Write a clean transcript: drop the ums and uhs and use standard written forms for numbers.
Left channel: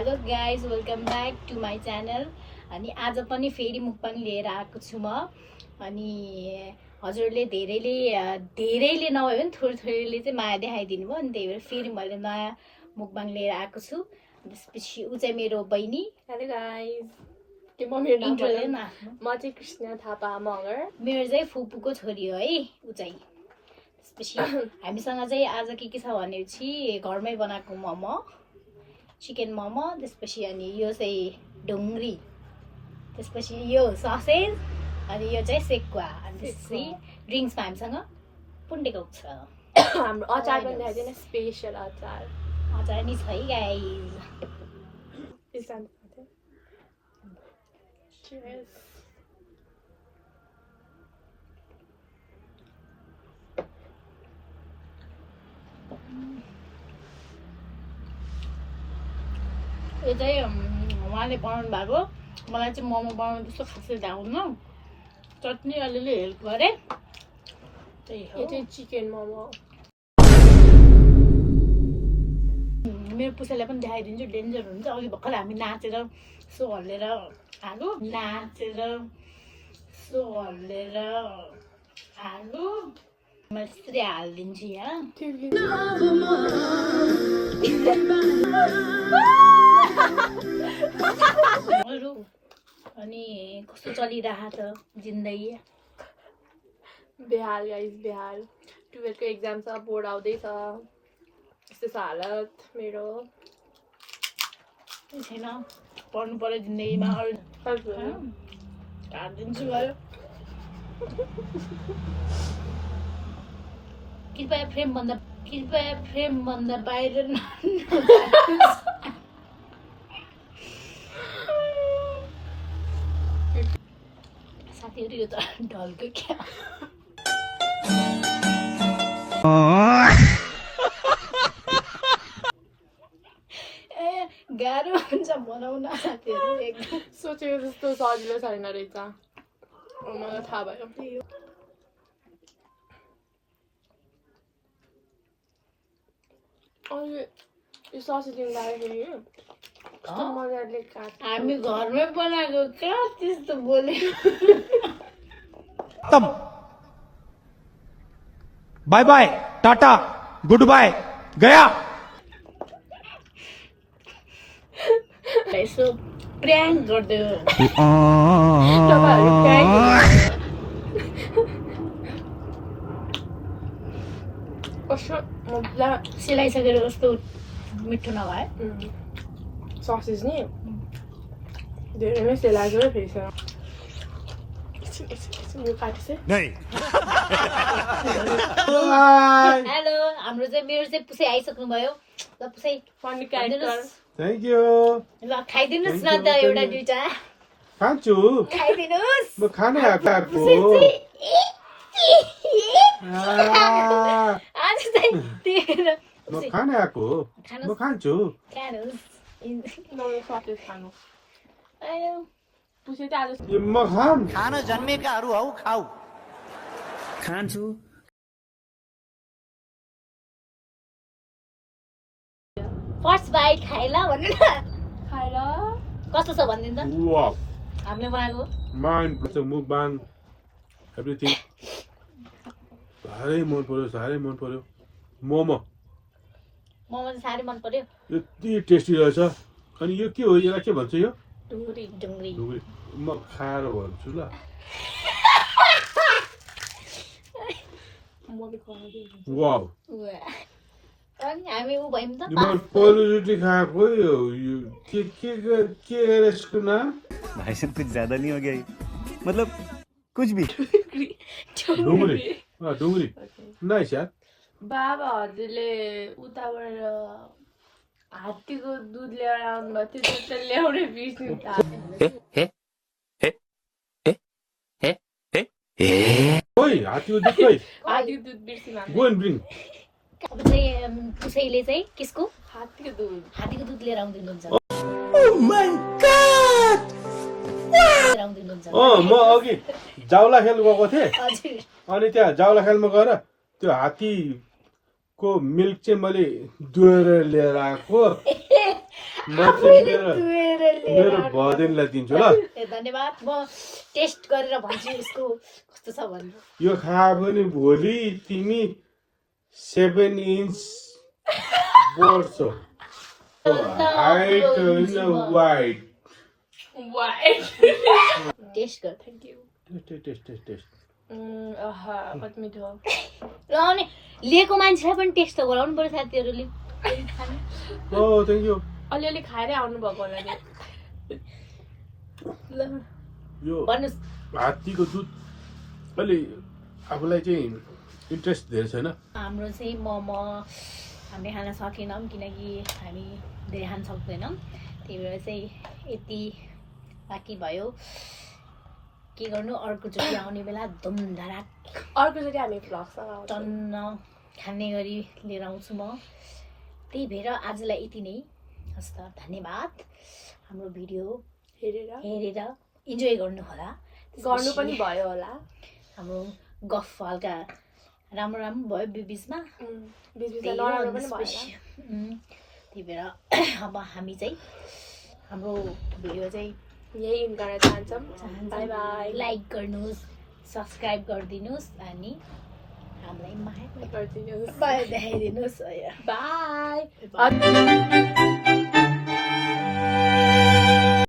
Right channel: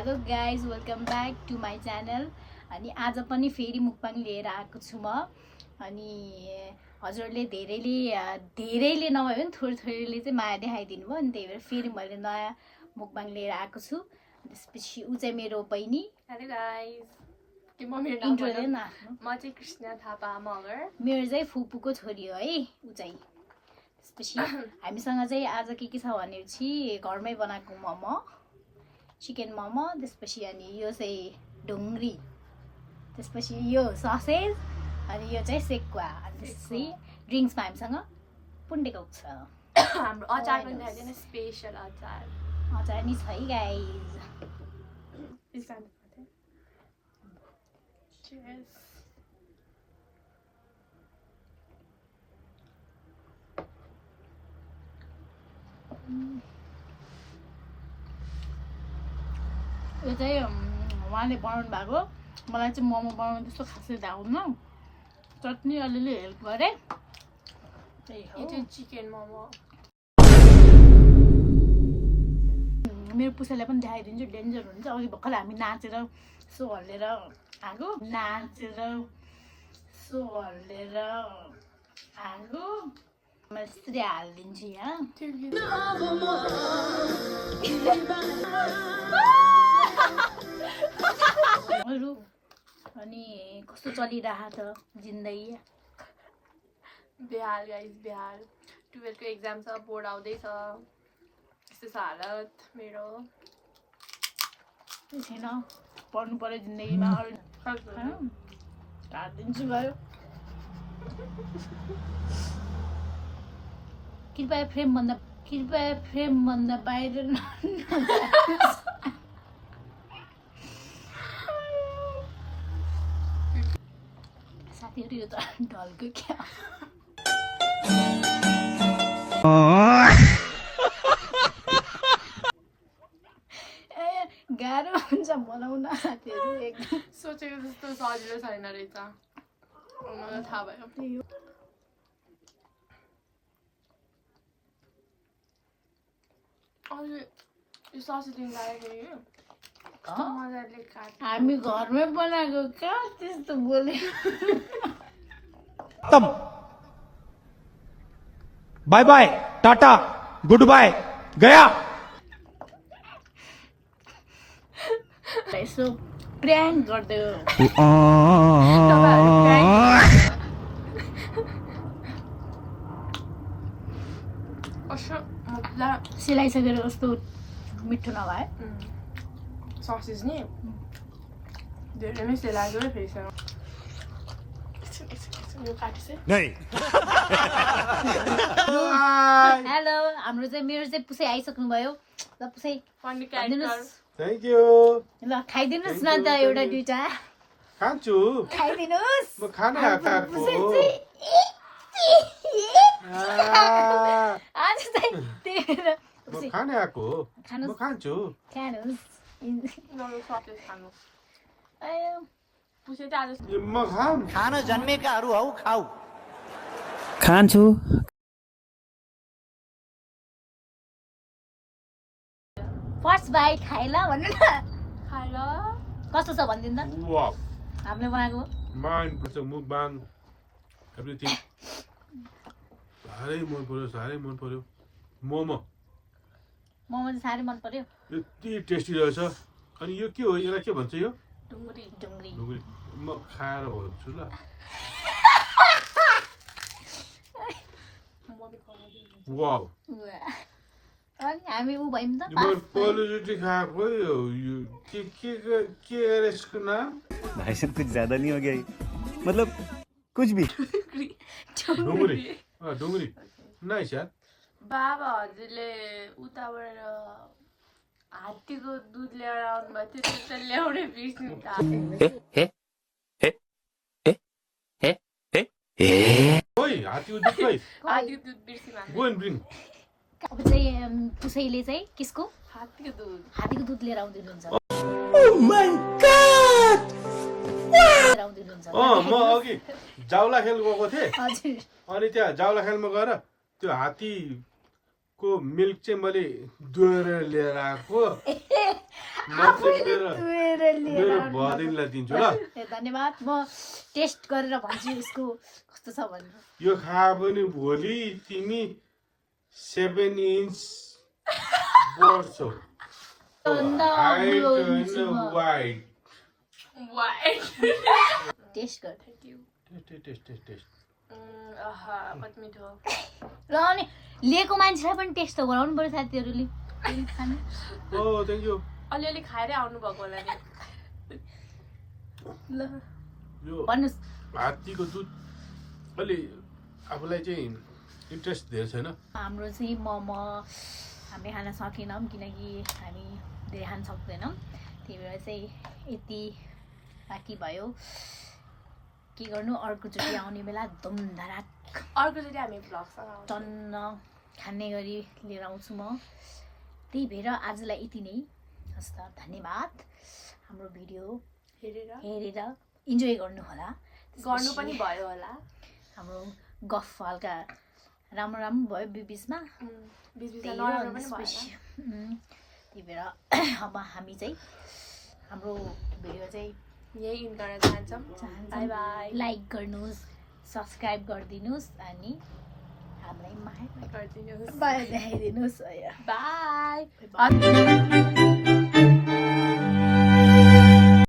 Hello guys welcome back to my channel. अनि आज पनि फेरि मुक्बाङ लिएर आएको छु म। अनि हजुरले धेरैले नभए पनि थोरैले चाहिँ माया देखाइदिनु भयो, अनि त्यही भएर फेरि मैले नयाँ मुक्बाङ लिएर आएको छु। त्यसपछि ऊ चाहिँ मेरो बहिनी। हेलो गाइस, के म मेरो नाम इन्ट्रो लिएन आफ्नो। म चाहिँ कृष्ण थापा मगर। मेरो चाहिँ फुपूको छोरी हो है ऊ चाहिँ। त्यसपछि हामीसँग चाहिँ आज के छ भनेपछि घरमै बनाएको मोमो, चिकन मोमो, त्यसपछि अनि यो चाहिँ ढुङ्ग्री, त्यसपछि यो ससेज, अनि यो चाहिँ सेकुवा, अनि त्यसपछि ड्रिङ्क्समा हामीसँग पुन्डेको छ। हाम्रो अचार पनि देखाइदिनु, स्पेसल अचार। अचार नि छ है गाइज। Cheers. यो चाहिँ उहाँले बनाउनु भएको। मलाई चाहिँ मोमो बनाउनु त्यस्तो खासै आउँदैन, चटनी अलिअलि हेल्प गरेँ, त्यही हो। यो चाहिँ चिकन मोमो। मेरो पुसालाई पनि देखाइदिन्छु, डेन्जर हुन्छ। अघि भर्खर हामी नाचेर सो हल्लेर आगो, मैले त्यसरी हालिदिन्छु यहाँ। अनि कस्तो चलिरहेको छ जिन्दगी? बिहार गाइस, बिहार 12 को एक्जाम छ, बोर्ड आउँदैछ। यस्तो छ हालत मेरो। छैन, पढ्नु पर्यो जिन्दगीमा। हालिदिन्छु भयो। कृपया फ्रेमभन्दा बाहिर साथीहरू यो त ढल्को क्या। गाह्रो हुन्छ बनाउन साथीहरू, एकदम सोचेको जस्तो सजिलो छैन रहेछ। मलाई थाहा भयो। अनि यो ससेज लिँदाखेरि कस्तो मजाले काट्छ। हामी घरमै बनाएको क्या, त्यस्तो बोले। तब bye bye, tata, good bye, गया। यसो प्र्याङ्क गरिदियो। कस्तो मजा सिलाइसकेर कस्तो मिठो नभए ससेज नि धेरै नै सेलाएको है फेरि यो काटिसे। हेलो, हाम्रो चाहिँ मेरो चाहिँ पुसै आइसक्नु भयो। ल पुसै फनी क्यारेक्टर। Thank you. ल खाइदिनुहोस् न त एउटा दुइटा। खान्छु, खाइदिनुहोस्। म खानै हतारको। आज चाहिँ म खानै आएको, म खान्छु। खानुहोस्। नयाँ ससेज खानु। आयो पुसे चाहिँ आज म खाम। खान जन्मेकाहरू हौ, खाऊ। खान्छु। फर्स्ट बाइट खाइला भन्नु न। खाएर कस्तो छ भनिदिनु त, वाउ, हामीले बनाएको। माइन्ड मुकबाङ एभ्रिथिङ साह्रै मन पर्यो। मोमो मोमो चाहिँ साह्रै मन पर्यो। यति टेस्टी रहेछ। अनि यो के हो, यसलाई के भन्छ? यो ढुङ्ग्री। ढुङ्ग्री। म खाएर भन्छु ल। वाउ, अनि हामी ऊ भयौँ त। म पहिलोचोटि खाएको यो के यसको नाम? भाई साहब कुछ ज्यादा नहीं हो गया ये? मतलब कुछ भी। ढुङ्ग्री नाइस यार। बाबा हजुरले उताबाट हात्तीको दुध ल्याएर आउनुभएको थियो, त्यो त ल्याउनै बिर्सिनु त। ओइ, हात्तीको दुध खै? हात्तीको दुध बिर्सिनु हामी। Go and bring. अब चाहिँ पुसैले चाहिँ किसको हात्तीको दुध लिएर आउँदिनुहुन्छ। म अघि जाउला खेल गएको थिएँ। हजुर। अनि त्यहाँ जाउला खेलमा गएर त्यो हात्तीको मिल्क चाहिँ मैले दुहेर लिएर आएको। म चाहिँ मेरो धोएर लिएर मेरो भदेनलाई दिन्छु ल। ए धन्यवाद। म टेस्ट गरेर भन्छु यसको कस्तो छ भनेर। यो खायो भने भोलि तिमी 7 इन्च बढ्छौ। हाइट होइन वाइट। टेस्ट गर। Thank you. टेस्ट कति मिठो। ल अनि लिएको मान्छेलाई पनि टेस्ट त गराउनु पर्यो साथीहरूले। ओ थ्याङ्क यू। अलिअलि खाएरै आउनु भएको होला नि। ल यो भन्नुहोस्। हात्तीको दुध अलि आफूलाई चाहिँ इन्ट्रेस्ट धेरै छैन। हाम्रो चाहिँ मोमो हामीले खान सकेनौँ किनकि हामी धेरै खान सक्दैनौँ, त्यही भएर चाहिँ यति बाँकी भयो। के गर्नु, अर्कोचोटि आउने बेला धुमधडाक अर्कोचोटि हामी भ्लगसँग टन्न खाने गरी लिएर आउँछु म। त्यही भएर आजलाई यति नै। हस् त, धन्यवाद हाम्रो भिडियो हेरेर इन्जोय गर्नु होला। गर्नु पनि भयो होला। हाम्रो गफ हल्का राम्रो राम्रो भयो बिचमा, बिचबिचमा नराम्रो पनि भयो होला। त्यही भएर अब हामी चाहिँ हाम्रो भिडियो चाहिँ यही इन्ड गर्न चाहन्छौँ। By by. लाइक गर्नुहोस्, सब्सक्राइब गरिदिनुहोस् अनि हामीलाई माया गरिदिनुहोस्। देखाइदिनुहोस्। बाई।